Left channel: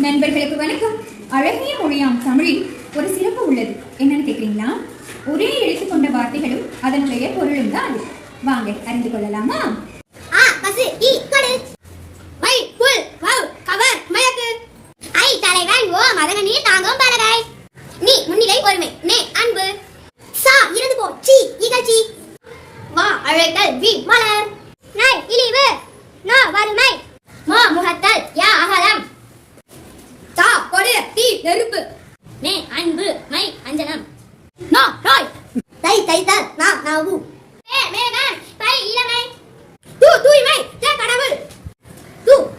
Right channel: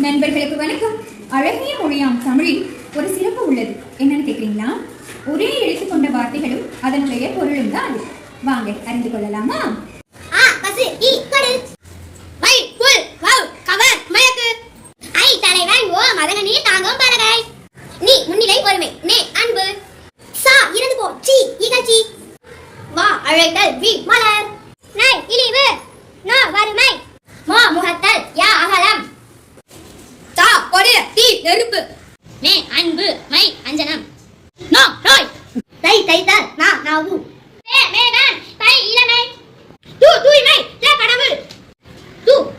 நண்பர்களுக்கு வணக்கம். அழகிய மொழியாம் தமிழில் ஒரு சிறப்பு உள்ளது. என்னன்னு கேட்குறீங்களா? ஒரே எழுத்து கொண்ட வார்த்தைகளும் அதனுடைய பொருளும் தான் அது. வாங்க அறிந்து கொள்ளலாமா? நீ முன்னிலை ஒருமை. நே அன்பு. சா இறந்து போ. சி இகழ்ச்சி. வா அழைத்தல். வி மலர். நை இழிவு. நோ வறுமை. மா முகத்தல். யா அகலம். தா கொடு. தி நெருப்பு. மே அன்பு. மை அஞ்சனம். நோ நோய். தை தைத்தல். நா நாவு. மேகன். பை இளமை. தூய்மை. யா கடவுள். து